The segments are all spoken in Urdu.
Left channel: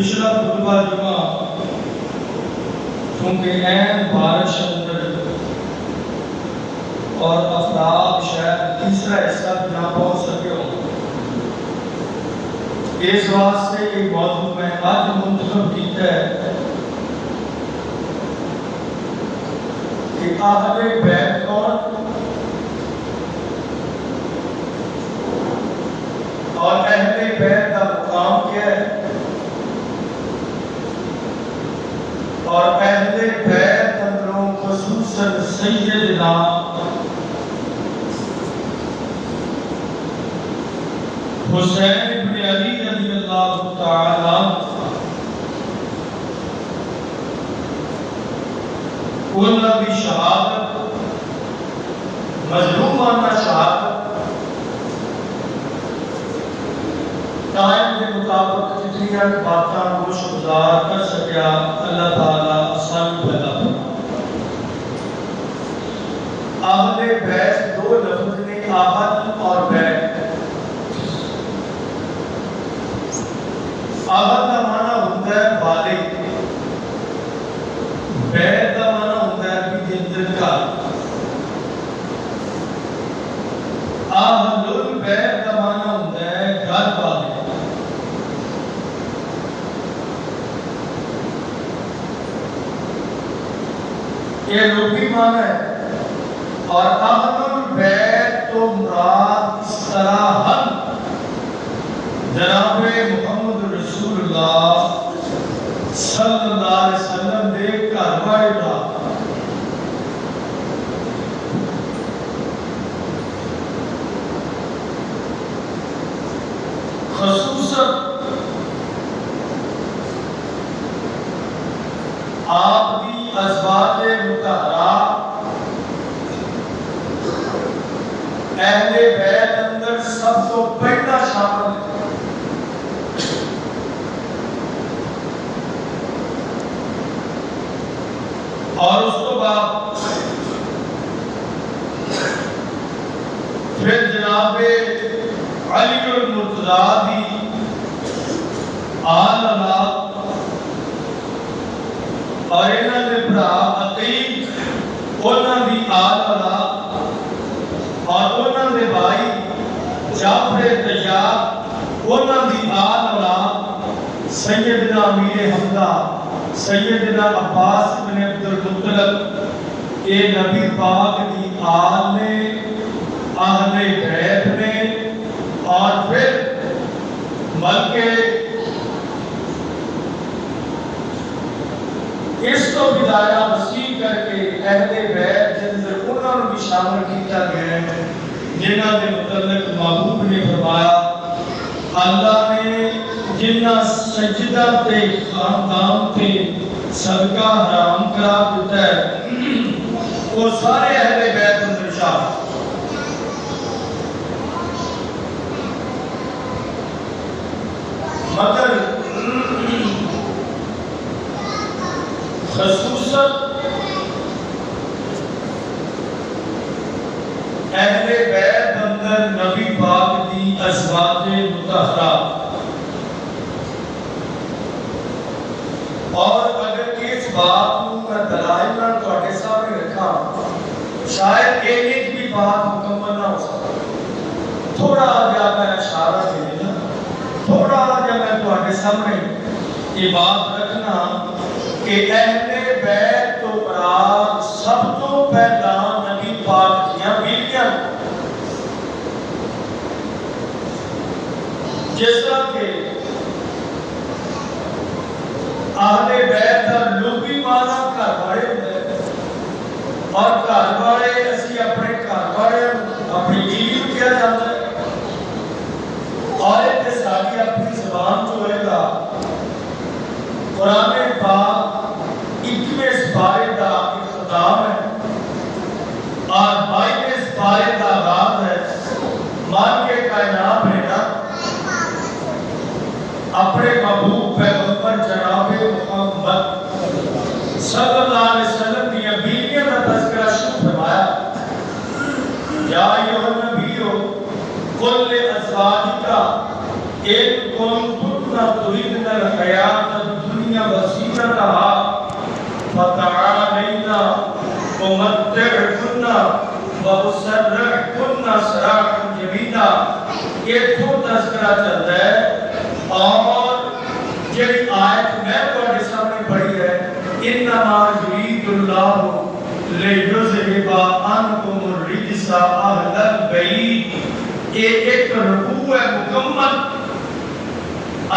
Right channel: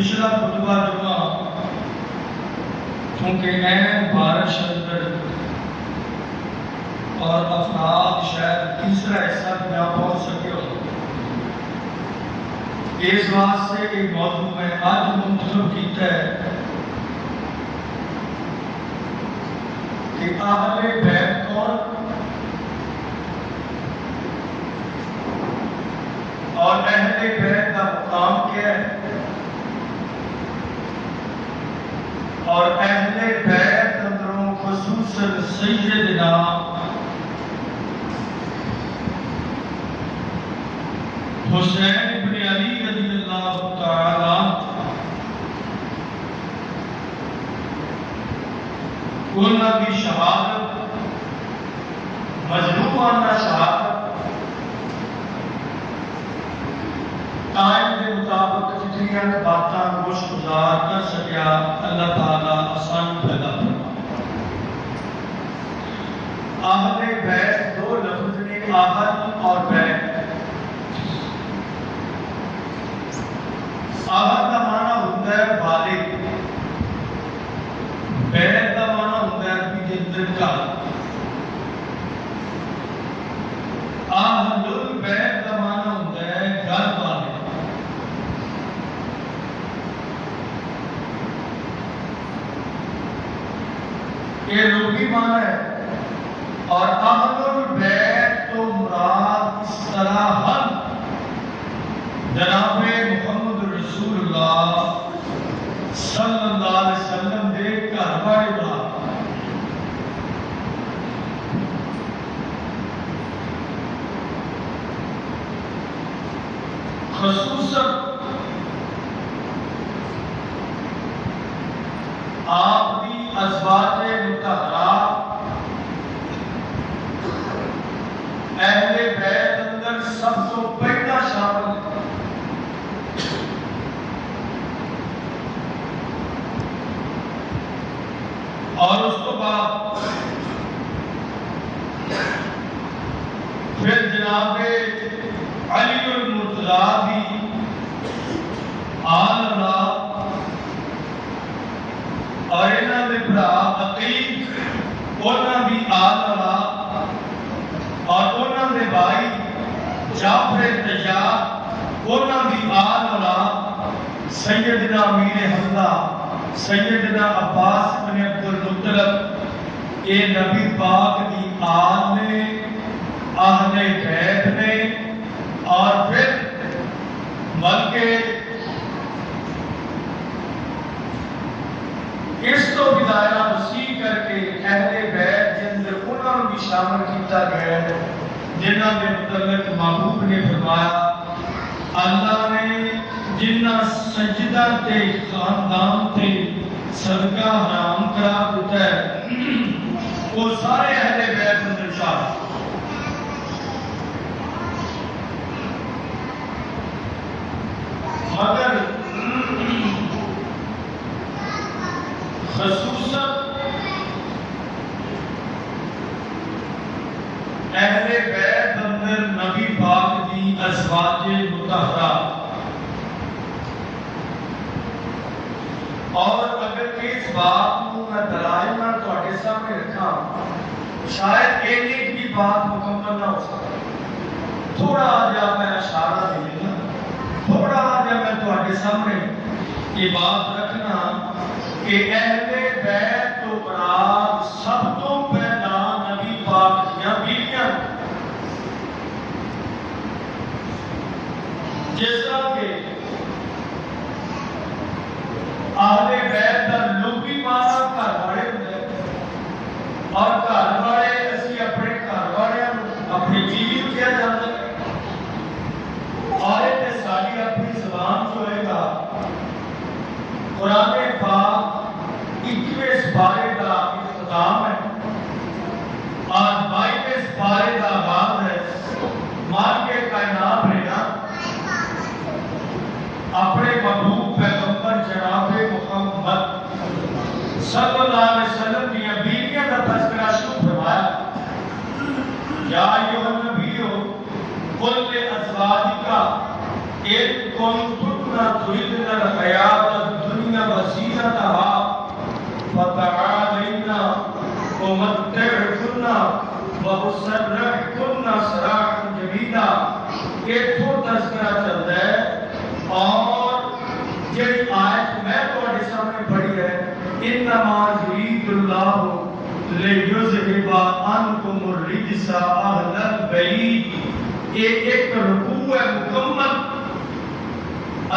پچھلا خطبہ جمعہ کیونکہ این بارش اندر اور افراد شاید تیسرا حصہ بھی نہ پہنچ سکے ہوں، اس واسطے یہ موضوع میں آج منتخب کیتا ہے کہ اہل بیت کون اور اہل بیت کا مقام کیا ہے، اور اہل بیت اندروں خصوصاً سیدنا حسین ابن علی رضی اللہ تعالیٰ انہاں کی شہادت، مظلومانہ شہادت ٹائم کے مطابق جتنی باتاں گوش گزار کر سکیا اللہ تعالیٰ آسانی پیدا فرما۔ اہل بیت دو لفظ نے، اہل اور بیت۔ اہل کا معنی ہوتا ہے والد، بیت کا معنی ہوتا ہے بھی جندر کا۔ اہل البیت کا معنی ہوتا ہے گھر والے۔ یہ لغوی معنی ہے، اور اہل البیت تو مراد اس طرح ہم جناب محمد رسول اللہ صلی اللہ علیہ وسلم دے گھر والے دا خصوصاً آپ دی ازواج مطہرات اہل بیت اندر سب تو پہلا شامل ہے۔ اور اس کو بعد پھر جناب علی المرتضیٰ دی آل اولاد اور انہاں دے بھرا عقیل انہاں دی آل اولاد اور انہاں دے بھائی جعفر طیار انہاں دی آل اولاد سیدنا امیر حمزہ سیدنا عباس بن عبد المطلب، یہ نبی پاک دی آل نے، اہل بیت نے، اور پھر بلکہ اس کو بھی دائرہ وسیع کر کے اہل بیت جن سے انہوں نے بھی شامل کیتا گیا ہے، جنہاں دے متعلق محبوب نے فرمایا اللہ نے جنہ سجدہ تے خاندان تے صدقہ حرام قرار دیتا ہے وہ سارے اہل بیت اندر شامل۔ مگر خصوصاً اہل بیت اندر نبی پاک دی ازواج مطہرات، اور اگر اس بات کو میں دلائل نہ تواڈے سامنے رکھا شاید ایک بھی بات مکمل نہ ہو سکے، تھوڑا جا میں اشارہ دے دینا، تھوڑا جا میں تواڈے سامنے یہ بات رکھنا کہ اہل بیت تو مراد سب تو پہلا نبی پاک دیاں بیویاں، جس طرح کہ اہل بیت کا لغوی معنی گھر والے ہوتا ہے، اور گھر والے اسی اپنے گھر والے اپنی بیوی کیا جاتا ہے، اور یہ ساری اپنی زبان جو ہے گا قرآن پاک 21 سپارے کا اختتام ہے اور 22 سپارے کا آغاز ہے۔ مان کے کائنات نے نا اپنے محبوب پیغمبر جناب محمد صلی اللہ علیہ وسلم کی بیویوں کا تذکرہ شروع فرمایا، یا ایھا النبی قل لازواجک ان کنتن تريدن الحياة الدنيا وزينتها فتعالين أمتعكن وأسرحكن سراحا جميلا. یہ تو تذکرہ چلتا ہے. اور یہ آیت میں تمہارے سامنے پڑھی ہے انما یرید اللہ لیذہب عنکم الرجس اہل البیت. یہ ایک رکوع ہے مکمل.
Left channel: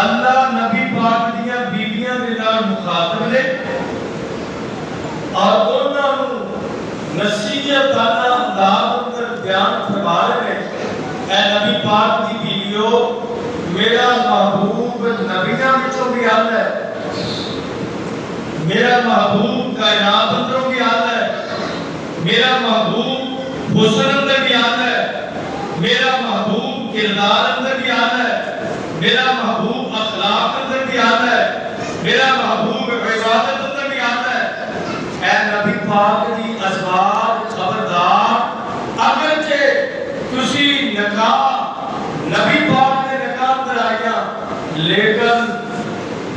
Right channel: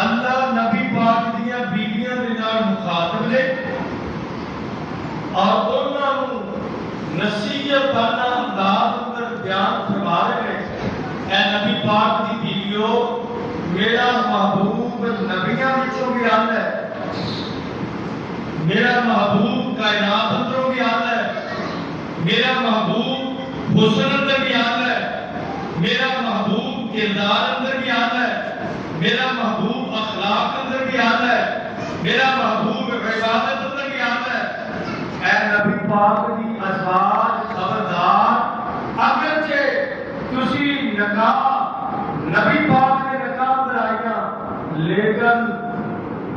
اللہ نبی پاک دیاں بیویاں دے نال مخاطب نے اور انہاں نوں نصیحتانہ انداز اندر بیان فرما رہے ہیں. اے نبی پاک دی بیویو میرا محبوب نبیاں وچوں بھی آندا ہے, میرا محبوب کائنات اندروں بھی آندا ہے, میرا محبوب حسن اندر بھی آندا ہے, میرا محبوب کردار اندر بھی آندا ہے, میرا محبوب اخلاق اندر بھی آندا ہے, میرا محبوب عبادت اندر بھی آندا ہے. اے نبی پاک دی ازواج خبردار, اگرچہ تسی نکاح نبی پاک نے نکاح اندر آئیاں لیکن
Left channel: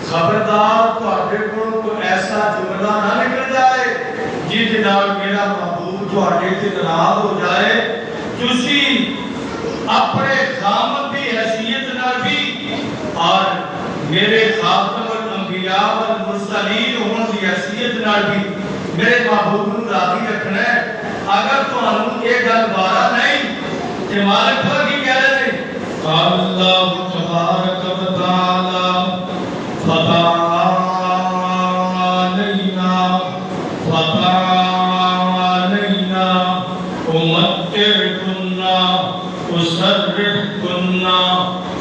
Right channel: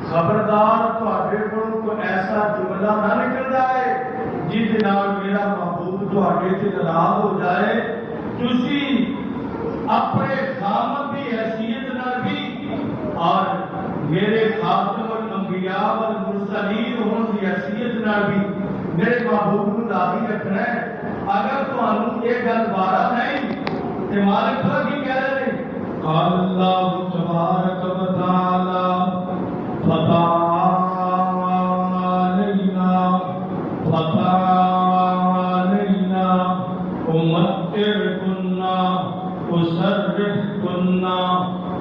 خبردار تہاڈے کول کوئی ایسا جملہ نہ نکل جائے جس نال میرا محبوب تہاڈے تے ناراض ہو جائے. تسی اپنے خامد کی حیثیت نال بھی اور میرے خاتم الانبیاء والمرسلین ہون کی حیثیت نال بھی میرے محبوب نو راضی رکھنا ہے. اگر تانوں یہ گل بارا نہیں تے مالک خدا کی کہہ رہے ہیں قال اللہ تبارک و تعالی فتعالينا أمتعكن أسرحكن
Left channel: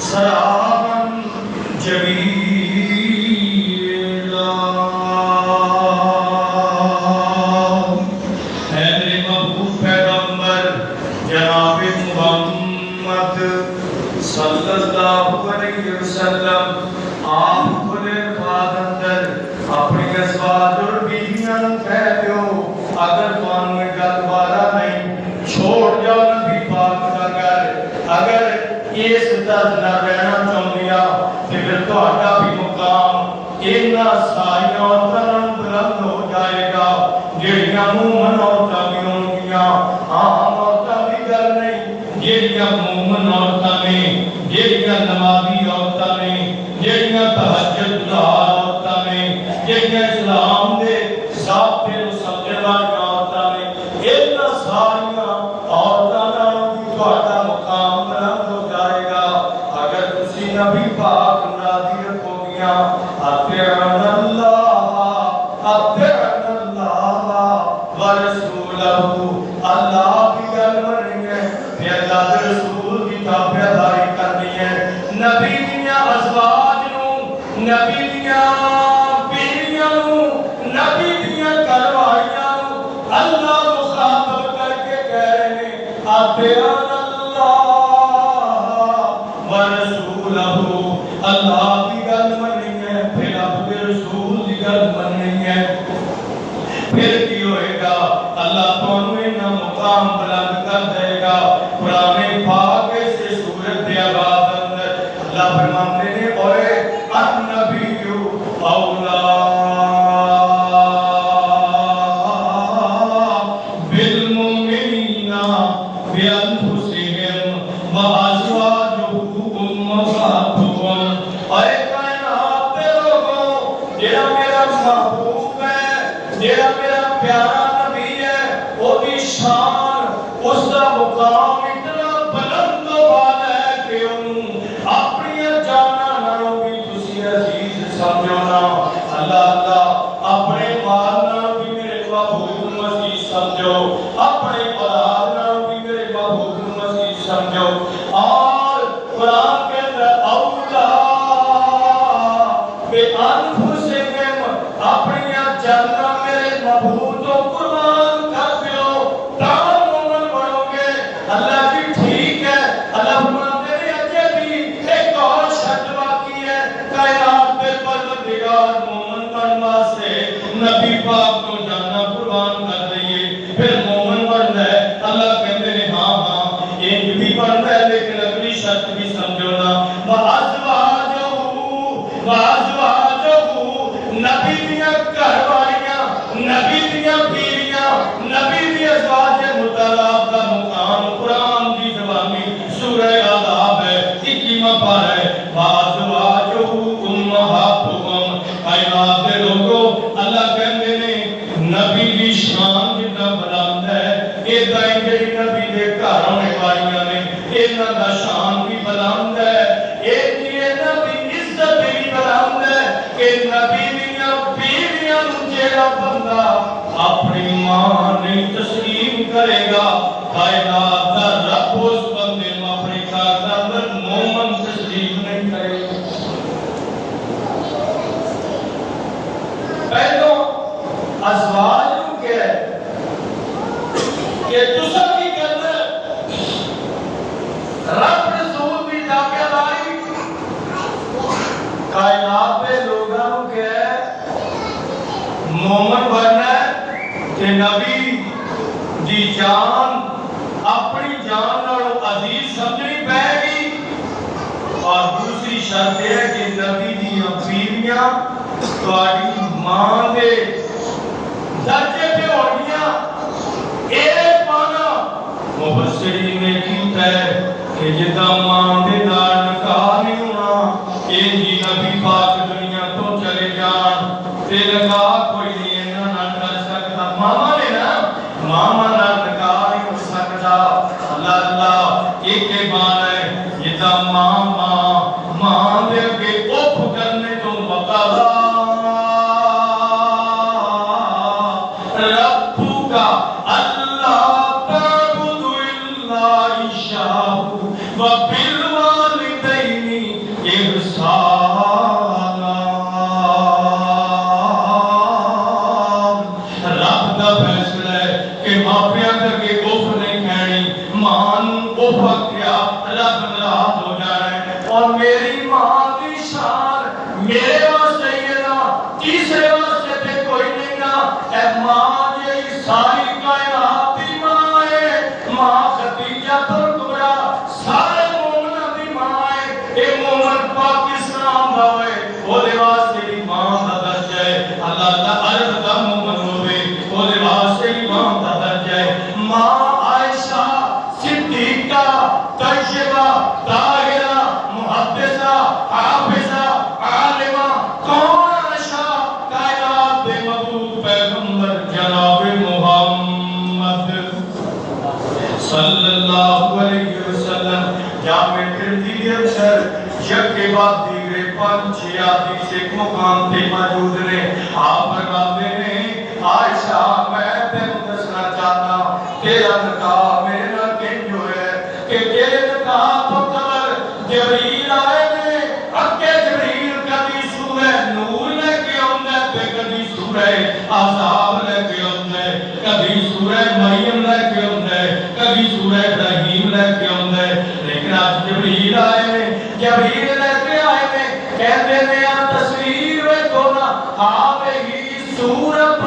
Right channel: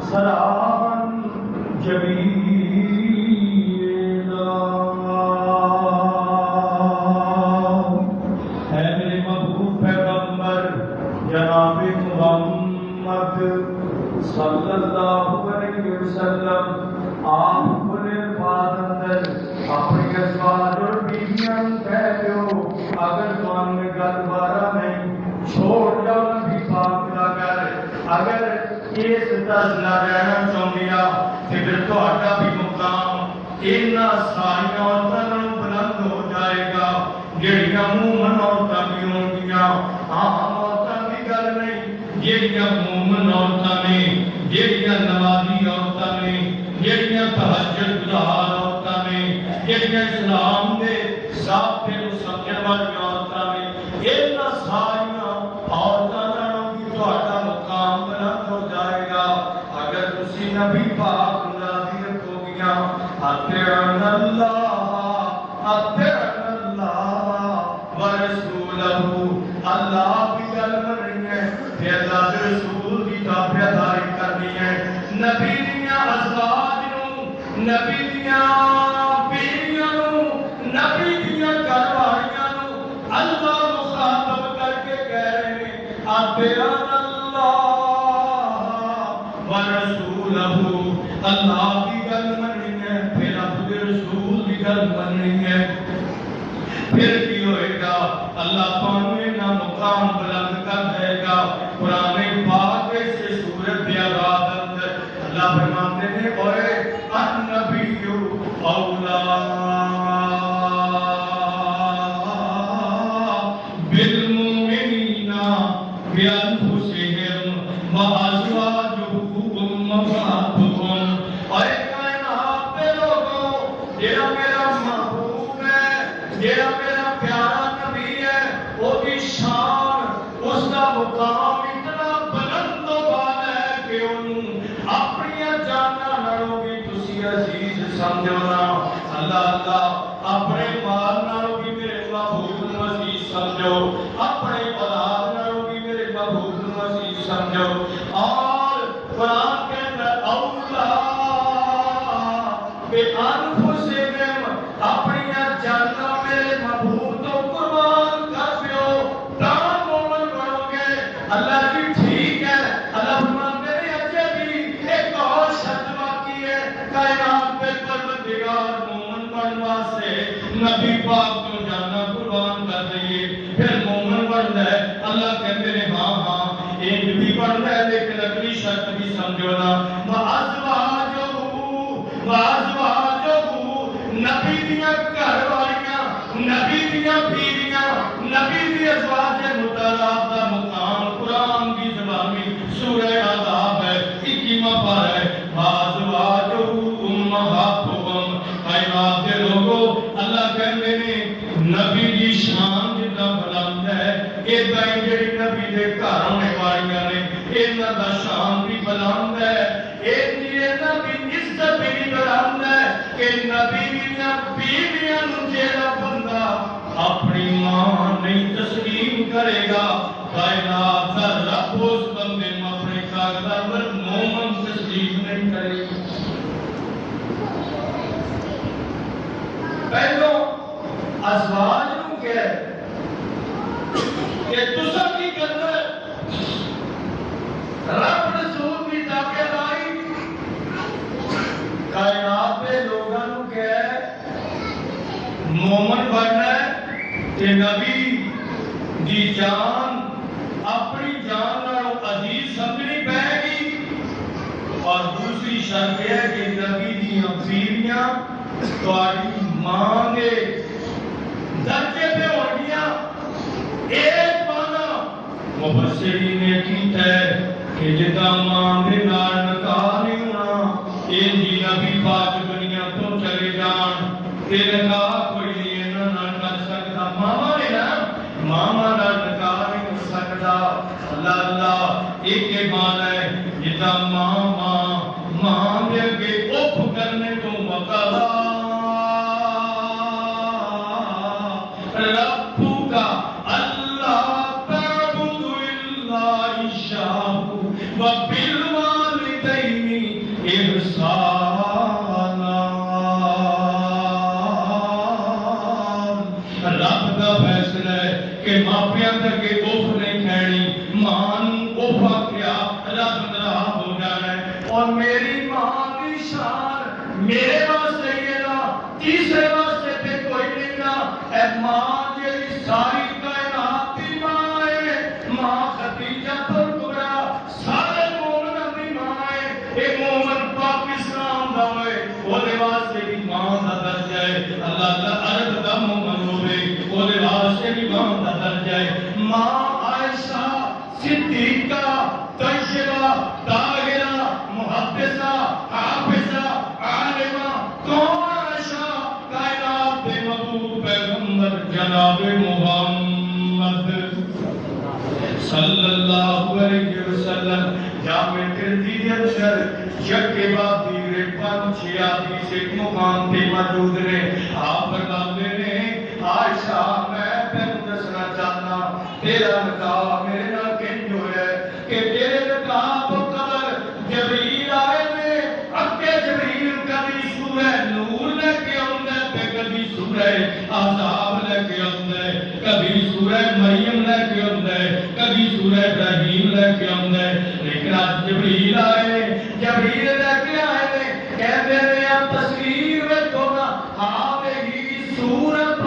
سراحا جميلا. اے میرے محبوب پیغمبر جناب محمد صلی اللہ علیہ وسلم, آپ کھلے بعد اندر اپنی ازواج اور بیویاں کہہ دیو اگر تانوں یہ گل بارا نہیں چھوڑ جاؤ نبی پاک دا گھر. اگر اس طرح نہ رہنا چاہندیا تے پھر تہاڈا بھی مقام انہاں ساریاں عورتاں نال بلند ہو جائے گا جہڑیاں مومن عورتاں بھی ہونگیاں. عام عورتاں دی گل نہیں, جہڑیاں مومن عورتاں نے, جہڑیاں نمازی عورتاں نے, جہڑیاں تہجد گزار عورتاں نے, جہڑیاں اسلام دے ضابطے نوں سمجھن والیاں عورتاں نے, انہاں ساریاں عورتاں نال بھی تہاڈا مقام بلند ہو جائے گا اگر تسی نبی پاک راضی رکھو گیاں. اطیعن اللہ ورسولہ, اللہ کی گل مننی ہے تے اللہ دے رسول دی تابعداری کرنی ہے. نبی دیاں ازواج نوں, نبی دیاں بیویاں نوں, نبی دیاں گھر والیاں نوں اللہ مخاطب کر کے کہہ رہے ہیں اطیعن اللہ ورسولہ. اللہ کی گل مننی ہے پھر اپنے رسول کی گل مننی ہے. پھر کی ہوئے گا اللہ تانوں انہاں مقام بلند کر دے گا. قرآن پاک سے سورت کے آغاز اندر اللہ فرماتے ہیں اوئے النبی اولا بالمؤمنین بانفسہم وازواجہ امہاتہم. اے کائنات دے لوگوں, جڑا میرا محبوب ہے, جڑا میرا پیارا نبی ہے, وہ دی شان اس دا مقام اتنا بلند و بالا ہے کہ انہوں اپنی جاناں نالوں بھی تسی عزیز سمجھو نا. اللہ اپنے مال نالوں بھی میرے محبوب نوں عزیز سمجھو, اپنے اولاد نالوں بھی میرے محبوب نوں عزیز سمجھو. اور قرآن کے اندر اولا بانفسہم, اپنی جاناں میرے محبوب تو قربان کر دیو تاں مومن بنو گے. اللہ کی ٹھیک ہے, اللہ فرماتے ہیں اجے بھی ایک اور شرط باقی ہے کائنات پہ پروردگار مومن بن واسطے نبی پاک کو جانا قربان کر دئیے پھر مومن بنتا ہے. اللہ کہتے ہیں ہاں ایک بھی بنتا ہے لیکن اگلی شرط بھی سمجھو نا. وازواجہ دیاں گھر والیاں، نبی دیاں بیویاں، نبی دی ازواج مطلقات دا مقام قرآن دی زبانی سورہ آداب ہے، 21واں پارہ ہے۔ وازواجہ امہاتکم، اے ناز دے لوگو، اللہ کہندے نے نبی دی شان جتنا بلند ہے، ایداں ہی جڑی نبی دے گھر ہونے والیاں نے انہاں دا شان بھی بلند ہے، ایک نبی عزت بھی بلند ہے کہ نبی دیاں بیویاں نوں جیڑا بندہ اپنی ماں نہیں تسلیم کرے گا، کائنات دا رب اس بندے نوں اپنے گھر دا اندر مومن تسلیم نہیں کرے گا۔ پہلو ازواج نوں کہہ رہے کہ تساں کی کرنا رب رسول دی تابعداری، کائنات دے لوگاں نوں کہہ مومن بننا ہے کہ نبی دی جان اپنی جان نالوں عزیز سمجھنی پائے گی، اور دوسری شرط ہے کہ نبی دی بیویاں تہاڈی ماں دے درجے پہ ہونگیاں۔ ایک مانا مفسرین نے کیتا ہے کہ جدا ماں دے نال نکاح نہیں ہونا، انجی نبی پاک دنیا تو چلے جان تے نکاح کوئی نہیں انہاں نال کر سکتا۔ ماما نے نا ماما نال نکاح نہیں ہو سکتا۔ اللہ اللہ ایک مانا ہے جدا ماں دے کے اف کرنے تو مقابلہ ربُّکا اللہ تعبد الا ایاہ وبالوالدین احسانا۔ رب دا فیصلہ ہے کہ ماپیاں کے اف نہیں کہنی، ماں نوں اف کیا رب ناراض ہو جانا ہے۔ اور میری ماں دی شان میرے واسطے یہ نا تیسرے واسطے تے کوئی نہیں نا، اے ماں یہ ساری کائنات دی ماں ہے، ماں خدیجہ کبریٰ سارے مومناں دی ماں ہے، اے مومن پاکستان دا ہے وہ واسطے بھی ماں دا درجہ ہے۔ اللہ اللہ عرب دا مومن ہوئے وہ واسطے بھی ماں دا درجہ ہے۔ ماں عائشہ صدیقہ طیبہ طاہرہ محدثہ حافظہ عالمہ کون عائشہ کائنات دے مبعوث پیغمبر جناب محمد صلی اللہ علیہ وسلم جامع ترمذی اندر یک کے بعد دیگرے 5-6 حدیث ایک مقام تے موجود نے۔ آپ فرماتے ہیں عائشہ میں تینوں دسنا چاہتا تیرا نکاح میرے نال کنج ہویا ہے کہ تیرے نکاح تو قبل جبریل آئے نے، اگے جبریل کبھی سورہ نور لے کے آندا ہے تے کبھی سورہ احزاب لے کے آندا ہے، کبھی سورہ مریم لے کے آندا ہے، کبھی سورہ ابراہیم لے کے آندا ہے، لیکن آج جبریل آئے نے، جبریل لے کے آئے نے کہتے نے تصویر ویکھو نا ہی سورت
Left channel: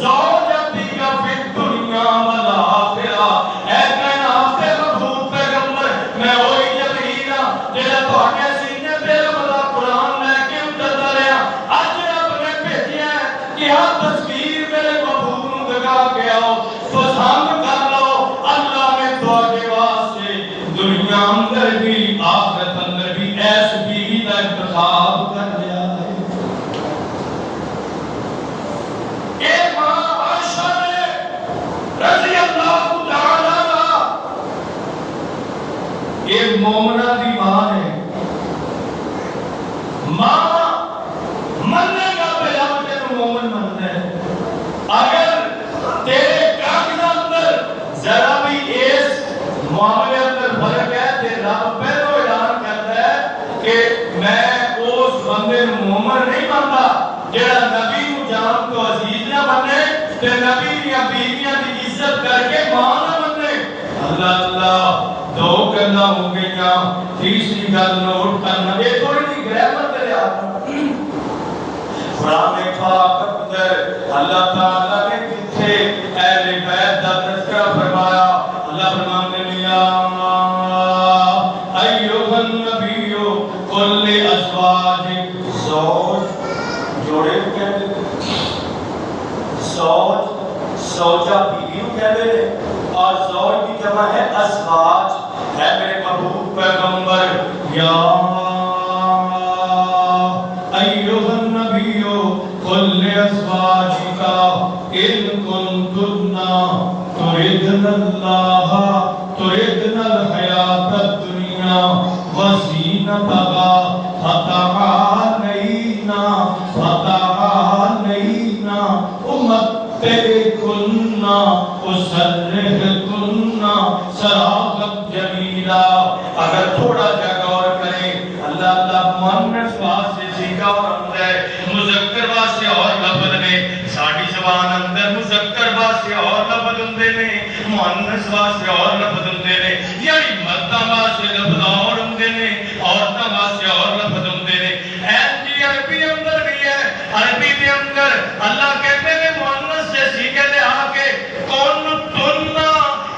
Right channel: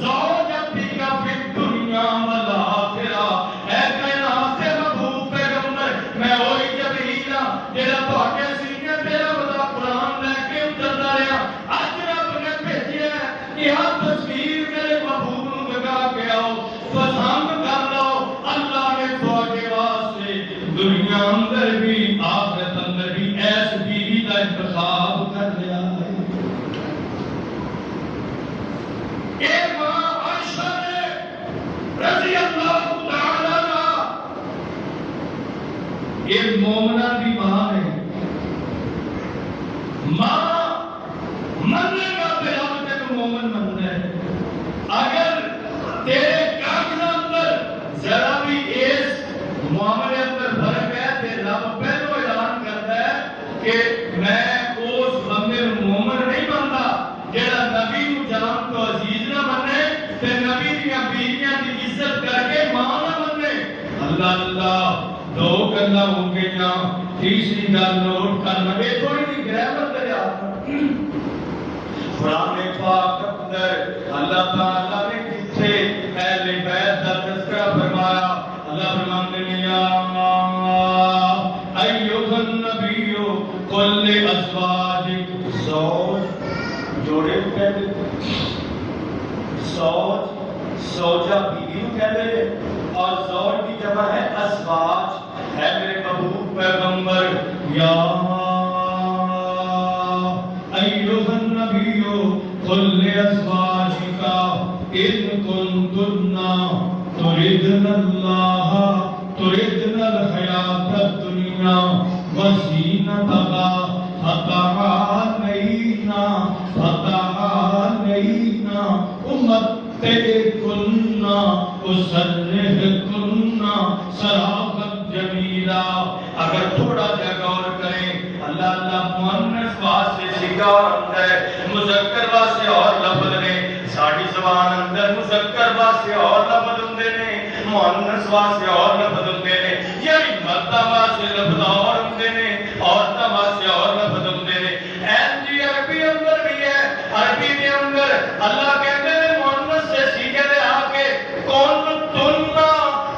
زوجتی کا فی الدنیا والآخرہ۔ اے کائنات دے مبعوث پیغمبر میں وہی جبریل ہاں جڑا تہاڈے سینے تے رب دا قرآن لے کے اتردا رہیا، اج رب نے بھیجیا ہے کہ ہر تصویر میرے محبوب نوں دکھا کے آؤ، پسند کر لو۔ اللہ نے تہاڈے واسطے دنیا اندر بھی آخرت اندر بھی ایس بیوی دا انتخاب کر لیا ہے۔ اے ماں عائشہ نے رضی اللہ تعالی عنہ ایک مومنہ دی ماں ہے، ماں مننے گا پہ رب تینوں مومن مننا ہے۔ اگر تیرے کاغذ اندر ذرا بھی اس معاملے اندر فرق ہے تے رب پہلو اعلان کرتا ہے کہ میں اس بندے نوں مومن نہیں منتا جڑا نبی نوں جان تو عزیز نہ بنے تے نبی دیاں بیویاں دی عزت کر کے ماں نہ بنے۔ اللہ اللہ دو گلاں ہو گئیاں، تیسری گل نوٹ کرنا یہ تھوڑی جی گرامر کرے آپ قرآن پاک اندر اللہ تعالیٰ نے کتھے اہل بیت دا تذکرہ فرمایا۔ اللہ فرماتے ہیں یا ایھا النبی قل لازواجک زوج جوڑے کہتے ہیں زوج زوجہ بیوی کو کہتے ہیں اور زوج کی جمع ہے ازواج ہے میرے محبوب پیغمبر یا ایھا النبی قل لازواجک ان کنتن تردن اللہ تردن الحیاۃ الدنیا وزینتہا فتعالین امتعکن اسرحکن سراحا جمیلا. اگر تھوڑا جا غور کریں اللہ مؤنث واسطے سیگا اور اندر مذکر واسطے اور لفظ نے ساڈی زبان اندر مذکر واسطے اور لفظ ہوندے نے مؤنث واسطے اور لفظ ہوندے نے یعنی مرداں واسطے لفظ اور ہوندے نے عورتاں واسطے اور لفظ ہوندے نے. جی عربی اندر بھی ہے عربی کے اندر اللہ کہتے ہیں مؤنث سے سیگے دے آ کے کون تننا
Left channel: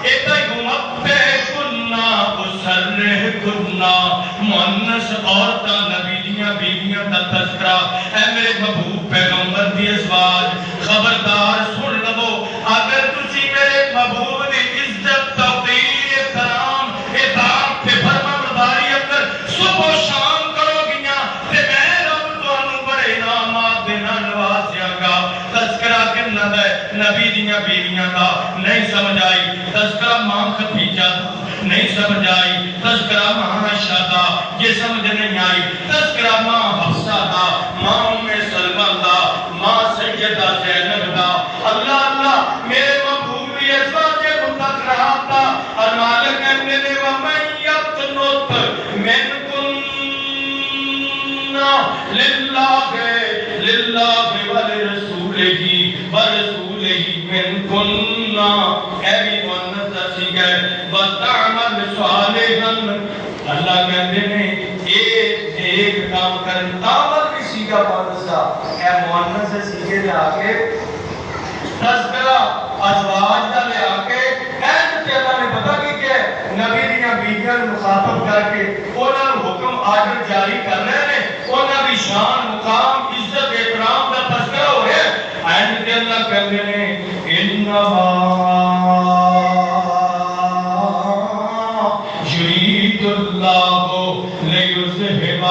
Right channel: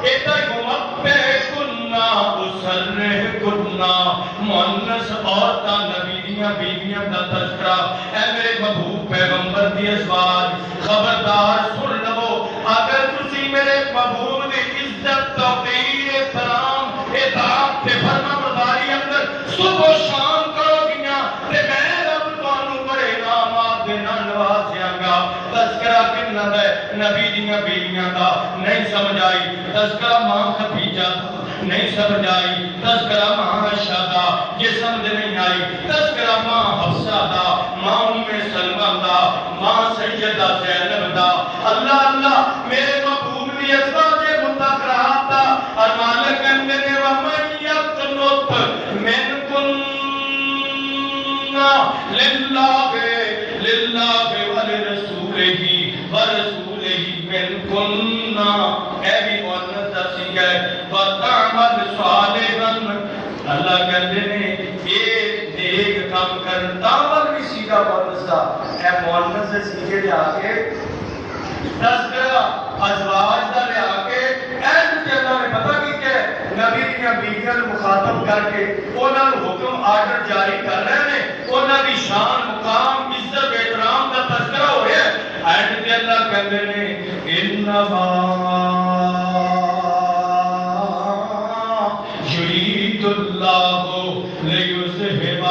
ایتا گمبے کننا اسرح کننا مؤنث عورتاں نبی دیاں بیویاں دا تذکرہ اے میرے محبوب پیغمبر دی ازواج خبردار سن لو اگر تسی میرے محبوب دی عزت توقیر احترام اطاعت تے فرما برداری اندر صبح و شام کرو گیاں تے میں رب تانوں بڑے انعامات دے نال نوازیاں گا. تذکرہ کنا ہے نبی دیاں بیویاں دا نہیں سمجھ آئی تذکرہ ماں خدیجہ دا نہیں سمجھ آئی تذکرہ ماں عائشہ دا یہ سمجھ نہیں آئی تذکرہ ماں حفصہ دا ماں ام سلمہ دا ماں سیدہ زینب دا. اللہ اللہ میرے محبوب کی ازواج مطہرات دا اور مالک کہنے نے وَمَن يَقْنُتْ مِنْكُنَّ لِلَّهِ وَلِرَسُولِهِ مِنْكُنَّ اے بھی مؤنث دسی گئے وَتَعْمَلْ صَالِحًا. اللہ کہتے ہیں ایک کام کر تعمل بھی سیگا مؤنث اے مؤنث سے سیگے لے آکے تذکرہ ازواج دا لے آکے اینڈ تے اللہ نے پتہ کی کہ نبی دیاں بیویاں مخاطب کر کے انہاں نوں حکم آرڈر جاری کر رہے ہیں انہاں دی شان مقام عزت احترام دا تذکرہ ہو رہا ہے. اینڈ تے اللہ کہتے ہیں انما یرید اللہ لیذہب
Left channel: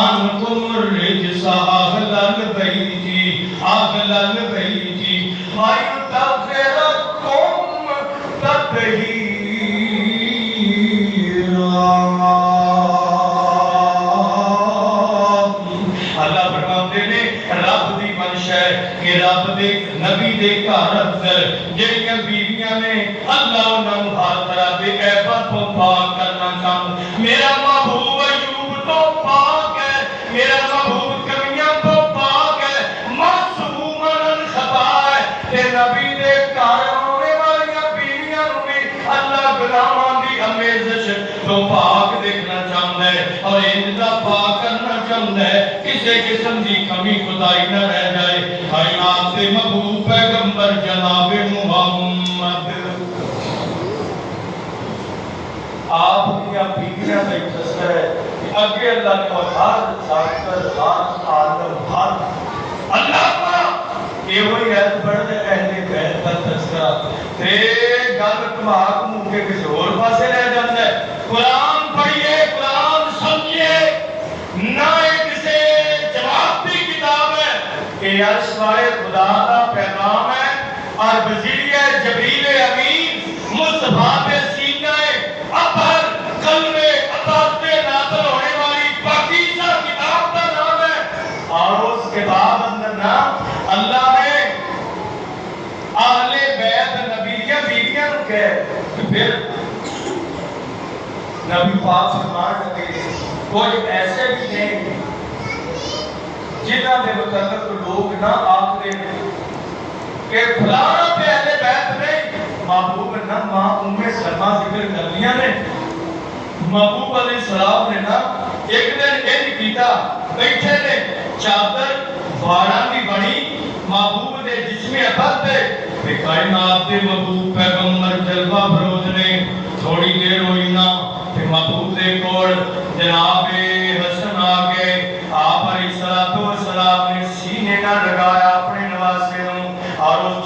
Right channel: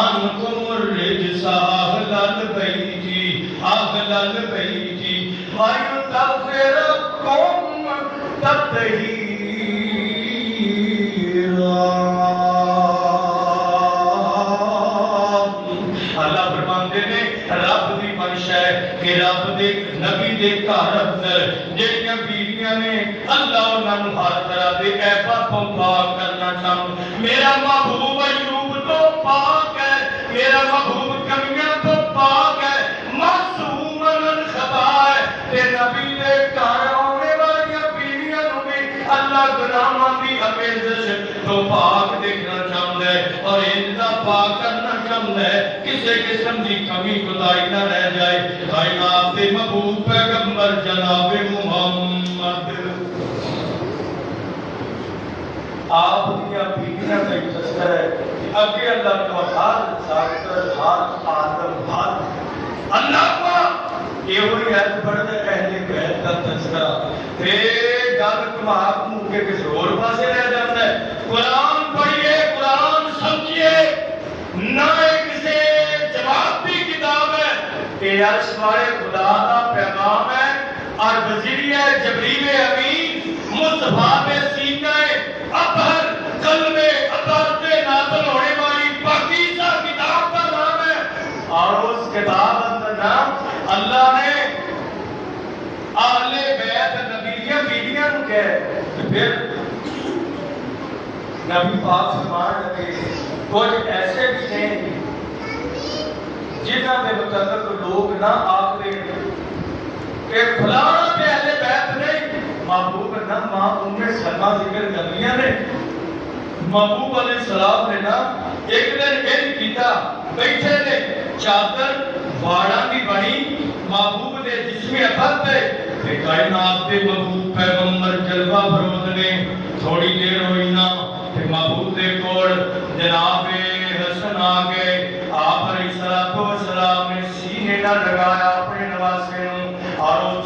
عنکم الرجس اہل البیت وَيُطَهِّرَكُمْ تَطْهِيرًا. اللہ فرماتے ہیں رب دی منشا ہے کہ رب دے نبی دے گھر اندر جڑیاں بیویاں نے اللہ انہاں نوں ہر طرح دے عیباں تو پاک کرنا چاہوں. میرا محبوب ایوب تو پاک ہے میرا محبوب کمیاں تو پاک ہے معصوم الخطا ہے تے نبی دے گھر آنے والیاں بیویاں نوں بھی اللہ غلاماں دی امیزش تو پاک دیکھنا چاہتا ہے اور اندا پاک کرنا چاہتا ہے کسی قسم کی کمی خدائی نہ رہ جائے. کائنات کے محبوب پیغمبر جناب محمد آپ دیا بیویاں کا تذکرہ ہے کہ اگے اللہ نے ہر ذاکر ہر عالم ہر اللہ کا یہ وہی ہے بڑے اہل بیت کا تذکرہ تے گل کماک منہ کے کسی اور پاسے رہ جاتا ہے. قرآن پڑھیے قرآن سمجھیے نہ کسی جواب بھی کتاب ہے کہ عرش والے خدا کا پیغام ہے اور وزیریہ جبریل امین مصطفیٰ پہ سینہ اطہر قلب اطہر سے نازل ہونے والی پاکیزہ کتاب کا نام ہے. اور اس کتاب اندر نام اللہ نے اہل بیت نبیہ بیویاں نوں کہے پھر نبی پاک فرمان لگے کچھ ایسے بھی ہیں جنہاں دے متعلق لوگ نہ آکھتے کہ فلانا پہ اہل بیت نہیں محبوب نہ ماں ام سلمہ ذکر کرنیاں نے محبوب علیہ السلام نے نا ایک دن انج کیتا بیٹھے نے چادر واراں دی بنی محبوب دے جسم اطہر تے کائنات دے محبوب پیغمبر جلوہ فروز نے تھوڑی دیر ہوئی نا تے محبوب دے کول جناب حسن آ گئے آپ علیہ السلام نے سینے نہ لگایا اپنے نواسے نوں اور اس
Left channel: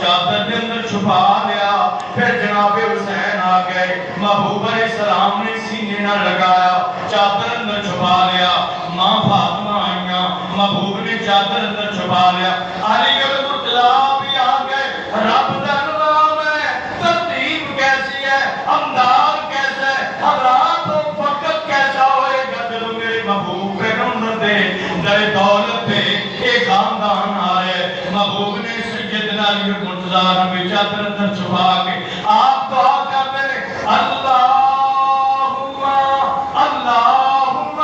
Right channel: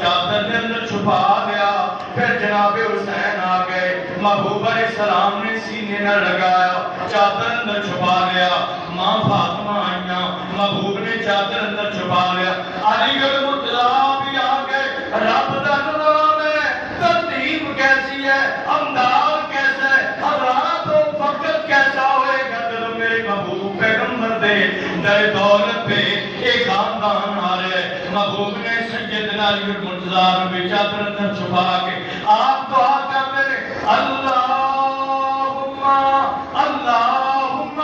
چھپا لیا. پھر جناب حسین آ گئے, محبوب علیہ السلام نے سینے نہ لگایا, چادر اندر چھپا لیا. ماں فاطمہ آئیاں, محبوب نے چادر اندر چھپا لیا. علی المطلع بھی آ گئے. رب دا نظام ہے, ترتیب کیسی ہے, انداز کیسا ہے, حضرات و وقت کیسا ہوئے گا جب میرے محبوب پیغمبر دے در دولت پہ ایک خاندان آ رہے. محبوب نے سیدنا علی المرتضیٰ نبی چادر اندر چھپا کے آپ دعا کرتے رہے, اللہم اللہم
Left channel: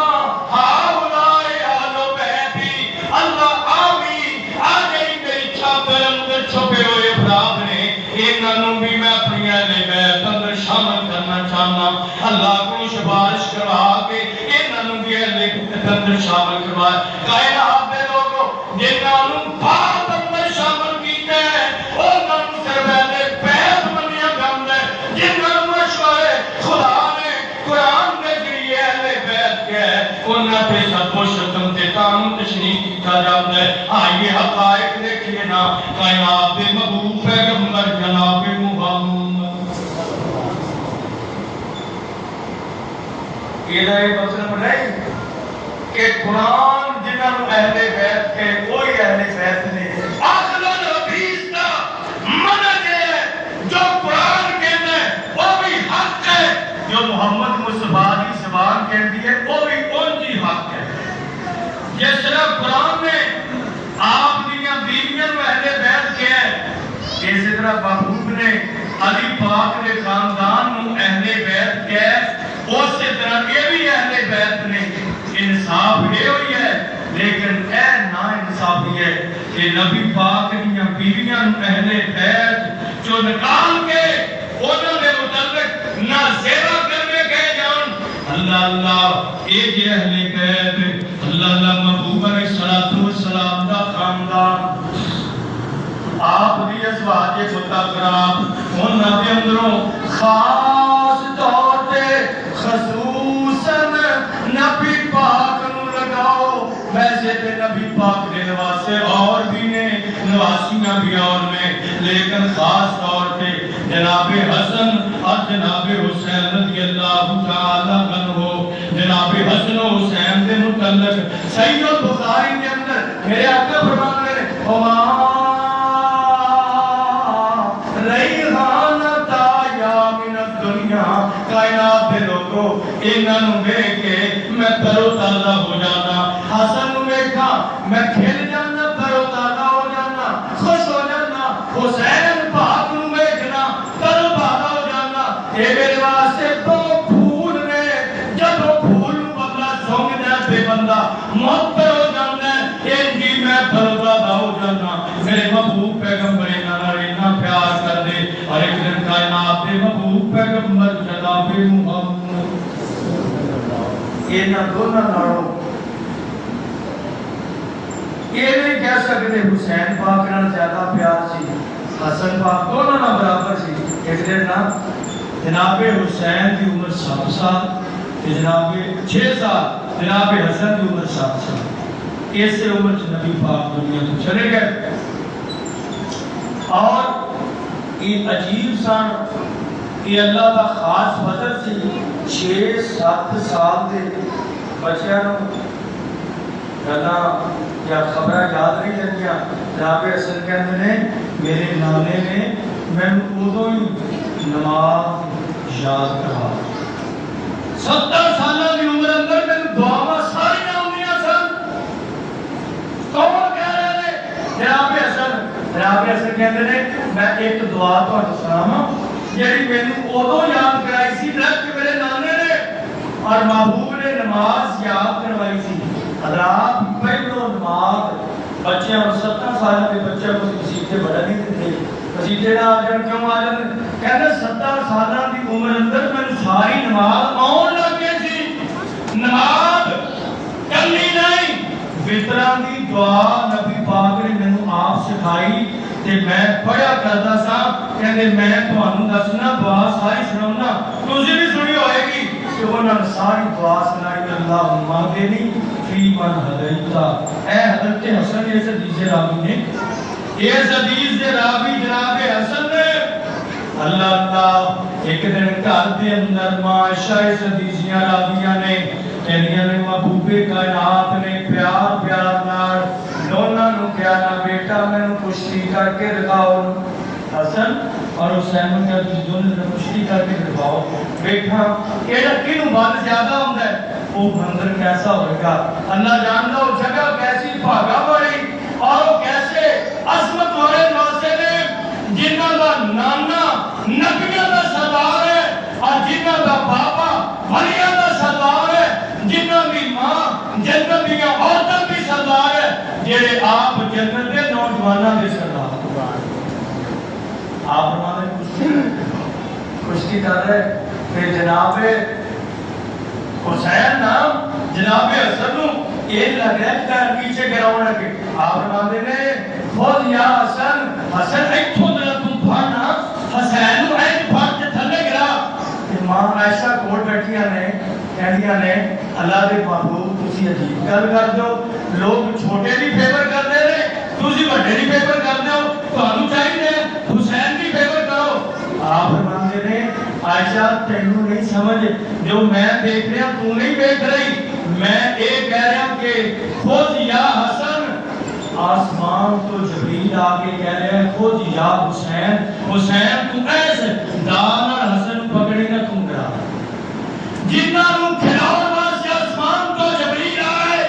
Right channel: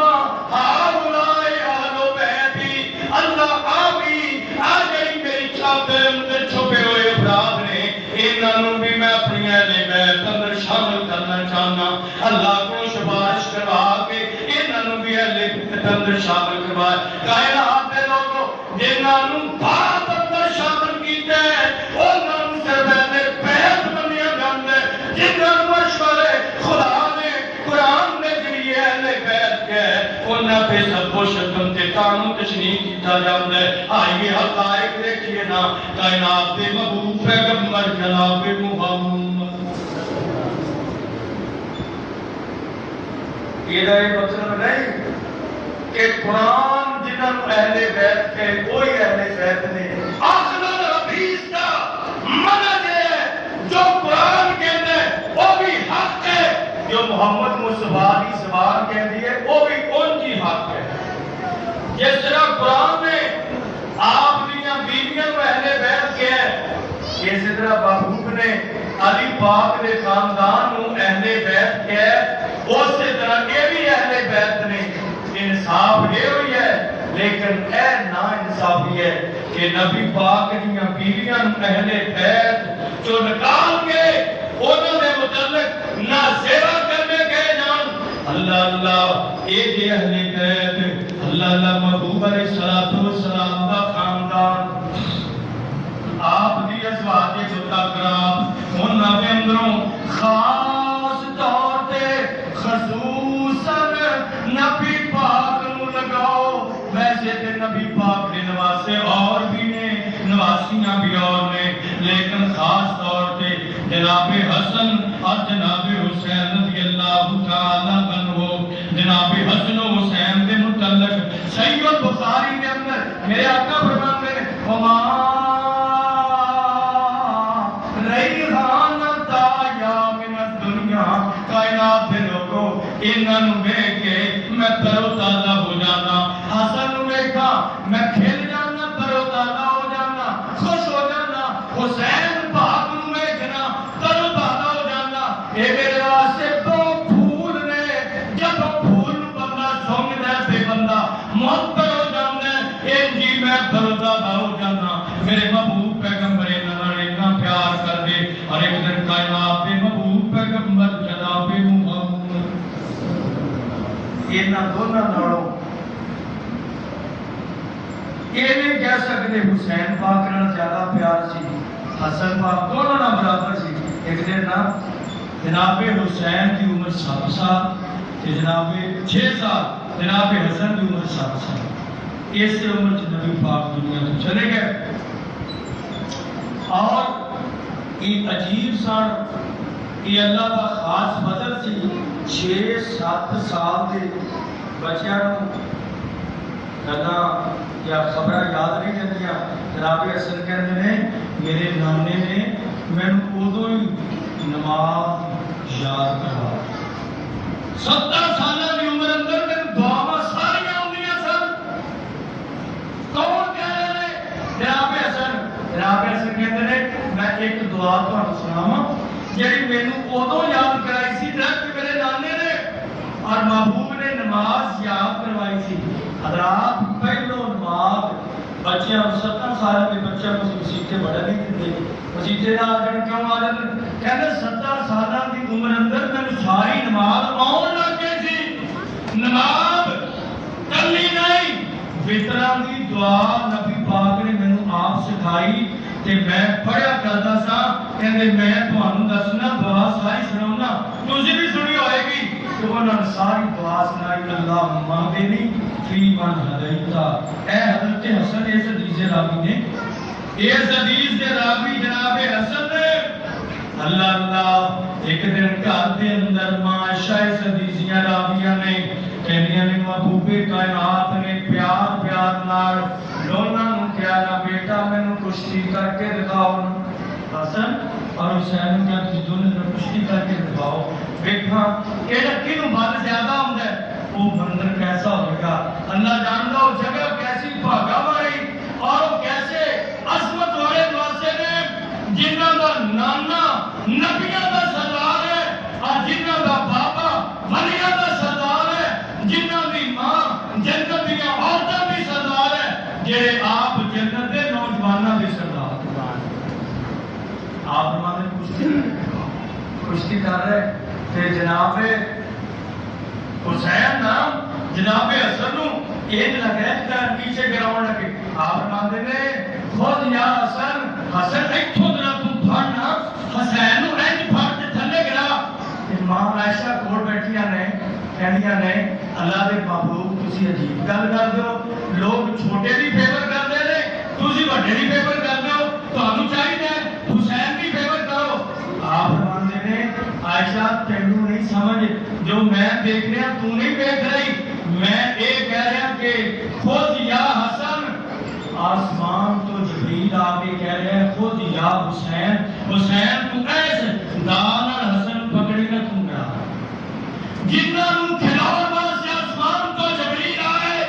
ہاؤلائی اہل بیتی, اللہ آمین. آ گئی میری چادر اندر چھپے ہوئے افراد نے, انہوں بھی میں اپنی اہل بیت اندر شامل کرنا چاہنا. اللہ کو سفارش کروا کے انہوں بھی اہل بیت اندر شامل کروایا. کائنات دے لوگوں جنہوں بات اندر شامل کیتے ہیں انہوں سے اہل بیت منیا جاندے, جنہوں مشورے خدا نے قرآن نے ذریعے اہل بیت کے انہاں پہ سب کو شکم تے تام تشنیح کیتا جاتا ہے. آئیے حقائق دیکھئے نا, کائنات دے محبوب پیغمبر جناب محمد. یہ مطلب نہیں کہ قرآن جنہوں اہل بیت کے کوئی اہل بیت نہیں. اخذ الحدیث کا منہج ہے, جو قرآن کہتے ہیں وہ بھی حق ہے, جو محمد مصطفیٰ کی زبان کہتی ہے وہ بھی ان کی حق ہے. جس طرح قرآن نے آپ دیاں بیویاں و اہل بیت کیا ہے, اسی طرح محبوب نے علی پاک نے خاندان نو اہل بیت کیا ہے, اسی طرح یہ بھی اہل بیت نے. انصاف یہ ہوئی ہے, لیکن اے نا انصافی ہے کہ نبی پاک دیاں بیویاں نو اہل بیت جو نکال کے انہوں نے متعلق نہ زیرہ کرنے گئے جان. اللہ اللہ اے جی اہل بیت, اللہ اللہ محبوب علیہ السلام دا خاندان, آپ دی ازواج مطہرات انہاں دے اندروں خاص طور تے خصوصاً نبی پاک نو لگاؤ. ویسے تے نبی پاک نے نواسے اور بھی نے, نواسیاں بھی اور نے, لیکن خاص طور تے جناب حسن اور جناب حسین رضی اللہ تعالیٰ عنہ, جناب حسن و حسین دے متعلق صحیح البخاری کے اندر میرے آقا فرماتے ہیں, کائنات دے لوگوں انہوں دیکھ کے میں ترو تازہ ہو جانا. حسن دیکھا میں کھل جانا, ترو تازہ ہو جانا, خوش ہو جانا. حسین پاک نو دیکھنا ترو تازہ ہو جانا. اے میرے واسطے دو پھول نے, جب پھول بدلا سونگدا ہے تے بندہ معطر ہو جاتا ہے, اے جی میں ترو تازہ ہو جانا. میرے محبوب پیغمبر اتنا پیار کر دے, اور ایک دن کائنات دے محبوب پیغمبر جناب محمد اینا دونوں ناروں یہ نہیں کہہ سکتے حسین پاک نال زیادہ پیار سی, حسن پاک دونوں نال برابر سی. ایک دن نا جناب حسین کی عمر 7 سال, جناب 6 سال, جناب حسن کی عمر 7 سال. اس سے عمر نبی پاک دنیا سے چلے گئے. اور یہ عجیب سان یہ اللہ کا خاص فضل سی. 6-7 سال دے بچیاں گلاں یا خبریں یاد نہیں لگیاں. جناب حسن کہندے نے میرے نانے نے مینوں اودوں ہی نماز یاد کروا. 70 سالہ کی عمر اندر مینوں دعاواں ساری آندیاں سن. کون کہہ رہے ہیں؟ جناب حسن. جناب حسن کہندے نے میں ایک دعا تہاڈوں سناواں جڑی مینوں اودوں یاد کرائی سی جب میرے نانے نے اور محبوب نے نماز یاد کروائی سی. حضرات پہلو نماز بچیاں 17 سال کے بچے کو مسیطے بڑا نہیں دیتے. مسیطے نہ آ جان کیوں آ جان, کہندے 17 سالہ کی عمر اندر میں ساری نماز آن لگ گئی سی. نماز کلی نہیں, وطراں دی دعا نبی پاک نے مینوں آپ سکھائی تے میں پڑھیا کردا سا. کہندے میں تانوں دسنا دعا ساری سناؤنا, تسی بھی سنی ہوئے گی. کہ انہوں نے ساری دعا سنائی. اللہم اہدنی فی من ہدیت. اے حضرت حسن اس حدیث راوی نے اس حدیث دے راوی جناب حسن نے اللہ اللہ ایک دن گھر دے اندر معاشہ اس حدیثیاں راویاں نے کہنیاں نے محبوب کائنات نے پیار پیار نال دونوں نو کہا نا بیٹا مینوں کشتی کر کے دکھاؤ حسن اور حسین نے کہا دونوں نے کشتی کر کے دکھاؤ بیٹا کیڑا کینوں بات زیادہ ہوندا ہے وہ منظر کیسا ہوگا اللہ جانتا وہ جگہ کیسی بھاگا والی اور وہ کیسے عظمت والے واسطے نے جنہاں دا نانا نبیوں دا سردار ہے اور جنہاں دا بابا ولیاں دا سردار ہے جنہاں دی ماں جنت دیاں عورتاں دی سردار ہے جڑے آپ جنت دے نوجواناں دے سردار آپ ہمارے کشتی کر رہے کہ جناب حسین نام جناب حسن نو ایک لگ رہا ہے کہ پیچھے گراؤں لگے آپ فرماتے نے خود یا حسن حسن ایک خود نہ تم پھڑنا حسین نو ایک پھڑ کے تھلے گرا امام عائشہ کوڑ بیٹھیاں نے کہنیاں نے اللہ دے محبوب تسی عجیب گل کر دو لوگ چھوٹے دی فیور کر دے رہے تسی بڑے دی فیور کر دو تانوں چاہیے حسین دی فیور کرو آپ فرماتے نے عائشہ تینوں نہیں سمجھ جو میں دیکھ رہا تو نہیں دیکھ رہی میں ایک کہہ رہا کہ خود یا حسن آسمان تو جبریل آگے کہہ رہا ہے خود یا حسین حسین تو ایسے دانا حسن پکڑے گا تم گرا جنہاں نو کھلاؤ واسطے آسمان تو جبریل آئے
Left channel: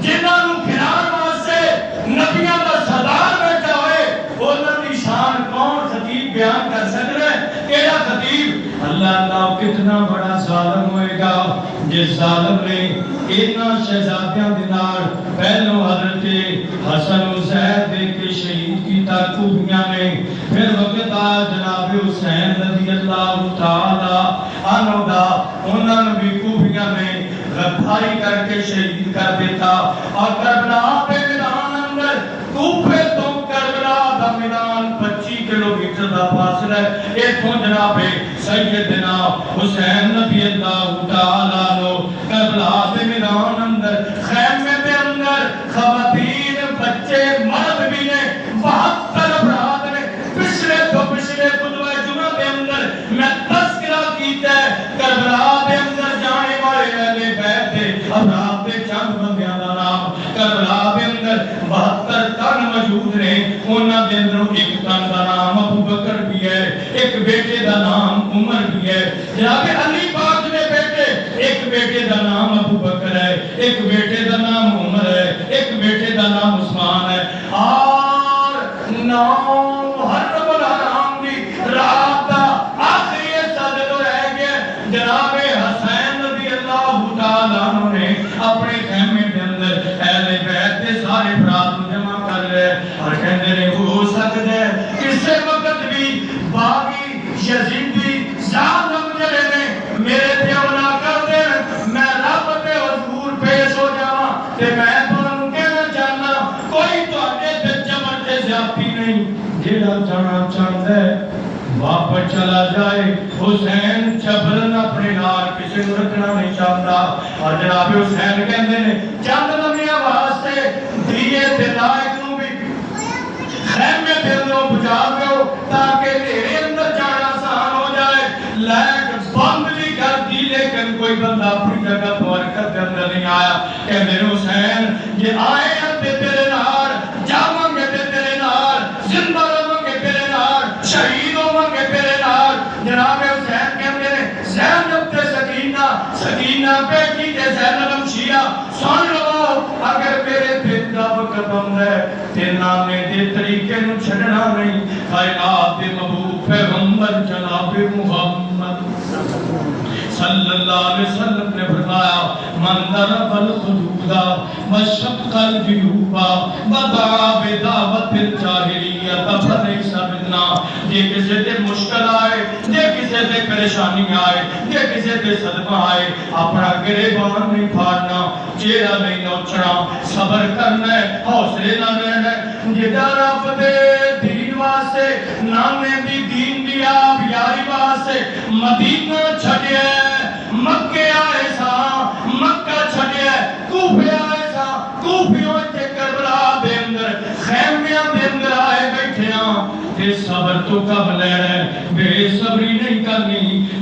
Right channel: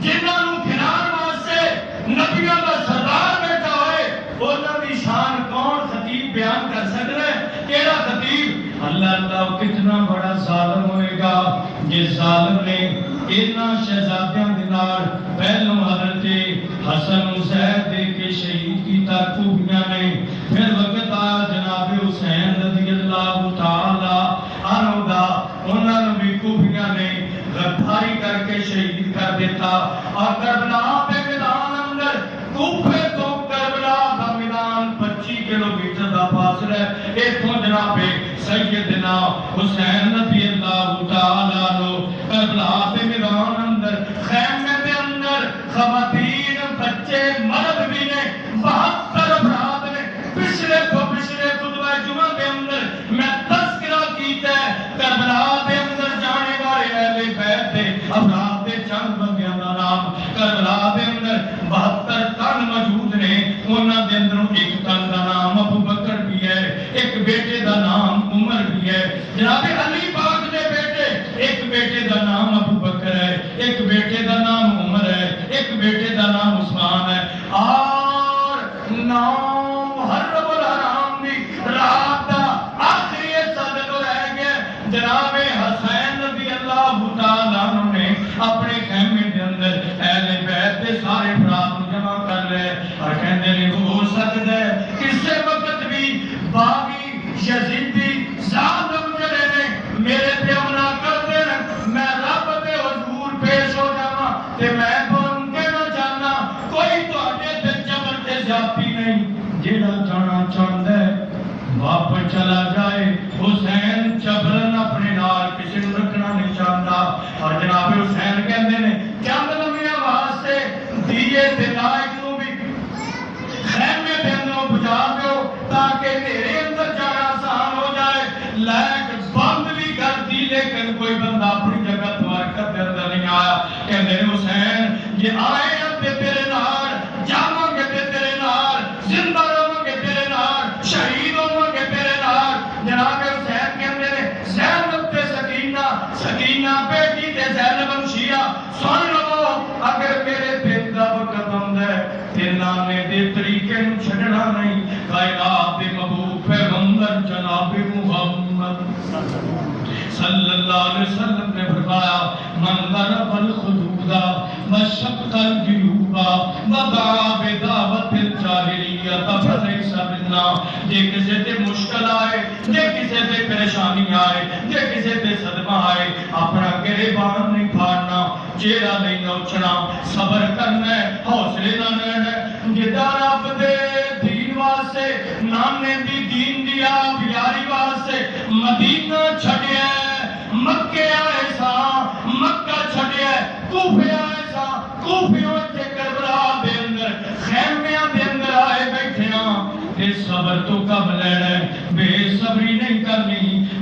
جنہاں نو کھلاؤ واسطے نبیوں کا سردار بیٹھا ہوئے انہاں دی شان کون خطیب بیان کر سکتا ہے کیڑا خطیب اللہ اللہ کتنا بڑا ظالم ہوئے گا جس ظالم نے اتنا شہزادیاں دینار پہلو حضرت حسن حسین دے کے شہید کی تاکوبیاں میں پھر وقت آ جناب حسین رضی اللہ تعالی عنہ دا انہوں نے بھی کوبیاں میں غداری کر کے شہید کر دیتا اور کربلا پہ میدان اندر کوفے تو کربلا دا میدان 25 کلومیٹر دا فاصلہ ہے ایتھوں جناب سیدنا حسین رضی اللہ تعالی عنہ کربلا دے میدان اندر خیمے دے اندر خواتین بچے مرد بھی نے 72 افراد نے پچھلے تو پچھلے خطبہ جمعہ دے اندر میں تذکرہ کیتا ہے کربلا دے اندر جانے والے اہل بیت دے افراد دے چند بندیاں دا نام کربلا دے اندر 72 تن موجود نے انہاں دے اندر ایک تن دا نام ابو بکر بھی ہے ایک بیٹے دا نام عمر بھی ہے جناب علی پاک دے بیٹے ایک بیٹے دا نام ابو بکر ہے ایک بیٹے دا نام عمر ہے ایک بیٹے دا نام عثمان ہے اور نام محرم الحرام دی رات دا آخری صدر رہ گیا جناب حسین رضی اللہ تعالی عنہ نے اپنے خیمے کے اندر اہل بیت کے سارے افراد کو جمع کر لے اور کہتے ہیں ہو سکتا ہے کسی وقت بھی باغی یزیدی ظالم جڑے نے میرے تے حملہ کر دین میں رب دے حضور پیش ہو جاواں تے میں تانوں کہنا چاہنا کوئی تواڈے تے جبر تے زیادتی نہیں جیڑا جانا چاہندا ہے واپس چلا جائے حسین جبرن اپنے نال کسی نوں رکھنا نہیں چاہتا اور جناب حسین کہندے نے چند نبیاں واسطے دیے تے لائق نوں بھی خیمے تے اندر بجا دیو تاکہ تیرے اندر جانا آسان ہو جائے لائق بند بھی کر دی لیکن کوئی بندہ اپنی جگہ تو حرکت کے اندر نہیں آیا کہ میرے حسین یہ آئے ہیں تیرے نار جاؤں گے تیرے نار زندہ رہوں گے تیرے نار شہید ہوں گے تیرے نار جناب حسین کہتے ہیں زینب تے سکینہ سکینہ بیٹی تے زینب شیعہ سن لو اگر میرے دل دا وقت ہوندا ہے تے نامے دے طریقے نوں چھڈنا نہیں کائنات دے محبوب پیغمبر جناب محمد صلی اللہ علیہ وسلم نے فرمایا من ضرب الخدود وشق الجیوب ودعا بدعوت الجاہلیت فلیس منا جے کسی تے مشکل آئے جے کسی تے پریشانی آئے جے کسی تے صدمہ آئے اپنا گریبان نہیں پھاڑنا چہرہ نہیں نوچنا صبر کرنا ہے حوصلے نہ رہنا ہے جدا رب دے دین واسطے نانے دی دین دی آپ یاری واسطے مدینہ چھڑیا ہے مکے آئے سا مکہ چھڑیا ہے کوفے آئے سا کوفیوں تے کربلا دے اندر خیمیاں دے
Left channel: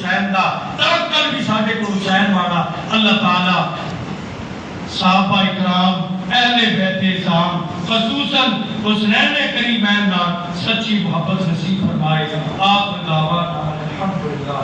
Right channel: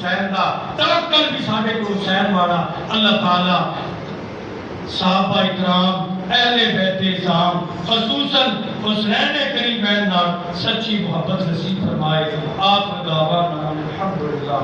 حسین دا توکل بھی ساڈے کو حسین والا اللہ تعالی صحابہ اکرام اہل بیت اعظام خصوصاً حسنین کریمین نال سچی محبت نصیب فرمائے. آپ دعوانا الحمدللہ.